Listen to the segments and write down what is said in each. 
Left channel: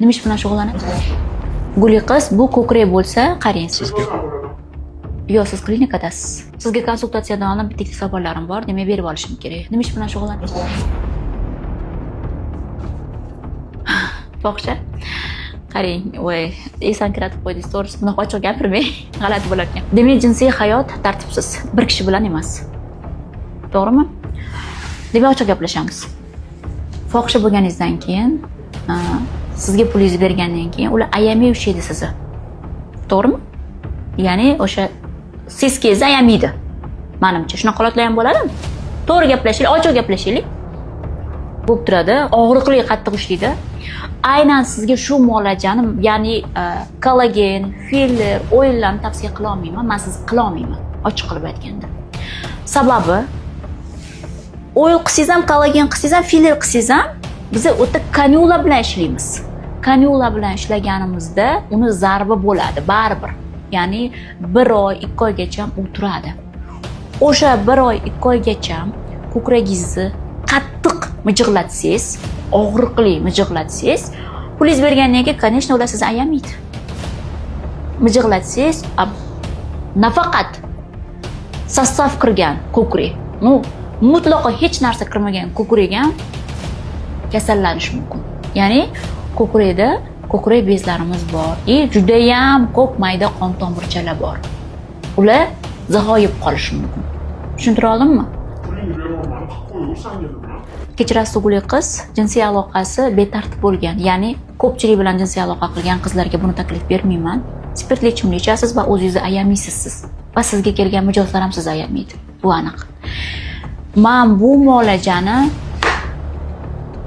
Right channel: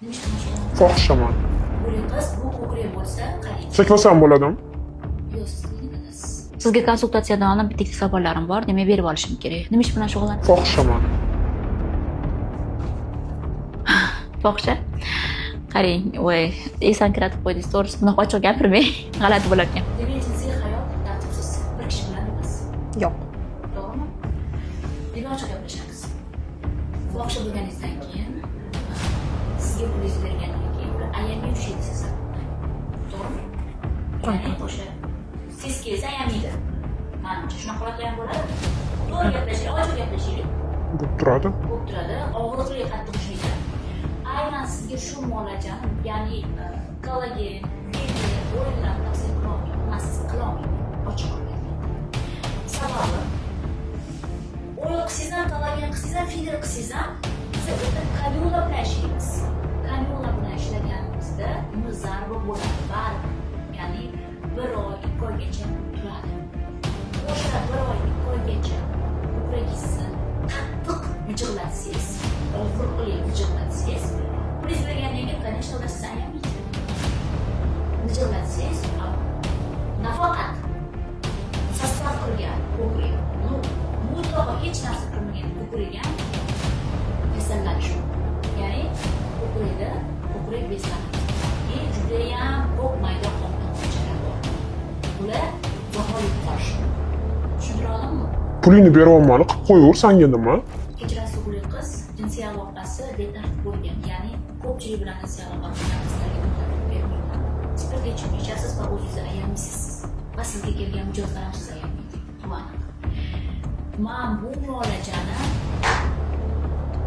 Nima ish bilan shug'ullanasiz? Fohishaman. Guli qiz, bu ko'krak bo'lsa, qarang. Cheklasham bo'ladimi? Yo'q, siz klinikadasiz. Sizga konsultatsiyadan oldin bitta savollarim bor, demak berib olishim kerak. Nima ish bilan shug'ullanasiz? Fohishaman. Fohisha. Qarang, voy, esan kiratib qo'ydingiz, to'g'risi bunaqa ochiq gapirmang, g'alati bo'lar ekan. Demak, jinsiy hayot tartibsiz, bir kishi bilan emas. Yo'q. To'g'rimi? Demak, ochiq gaplashamiz. Fohisha bo'lganingizdan keyin, sizga pulingizni bergandan keyin ular ayamay ushlaydi sizni. To'g'rimi? Ya'ni o'sha seskangizni ayamaydi. Menimcha, shunaqa holatlar ham bo'ladimi? To'g'ri gaplashaylik, ochiq gaplashaylik. Bo'lib turadi. Og'riqli, qattiq ushlaydi. Aynan sizga shu muolajani, ya'ni kollagen, filler, o'yinlarni tavsiya qila olmayman. Men siz qila olmayman, ochiq qilib aytganda. Sababi o'yil qilsangiz ham, kollagen qilsangiz ham, filler qilsangiz ham biz o'ta kanyula bilan ishlaymiz. Kanyula bilan ishlaganimizda uni zarbi bo'ladi baribir. Ya'ni 1 oy, 2 oygacha u turadi. O'sha 1 oy, 2 oygacha ko'kragingizni qattiq mijig'latsangiz, og'riqli mijig'latsangiz, pulingiz bergandan keyin, конечно, ular sizni ayamaydi. Mijig'latsangiz, nafaqat sostav kirgan ko'krak, mutlaqo hech narsa kirmagan ko'krak ham kasallanish mumkin. Ya'ni ko'krakda ko'krak bezlarimiz bor. Juda ham ko'p mayda qon tomirchalar bor. Ular zahoyib qolishi mumkin. Tushuntira oldimmi? Pulingni beryapman, qilib qo'yaver, senga nima? Kechirasiz, o'g'li qiz jinsiy aloqasi betartib bo'lgan. Ya'ni ko'pchilik bilan jinsiy aloqa qilgan qizlarga buni taklif bermayman. Spirtli ichimlik ichasiz va o'zingizni ayamaysiz siz. Va sizga kelgan mijozlar ham sizni ayamaydi. Bu aniq. Men bu muolajani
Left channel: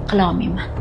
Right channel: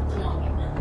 qila olmayman.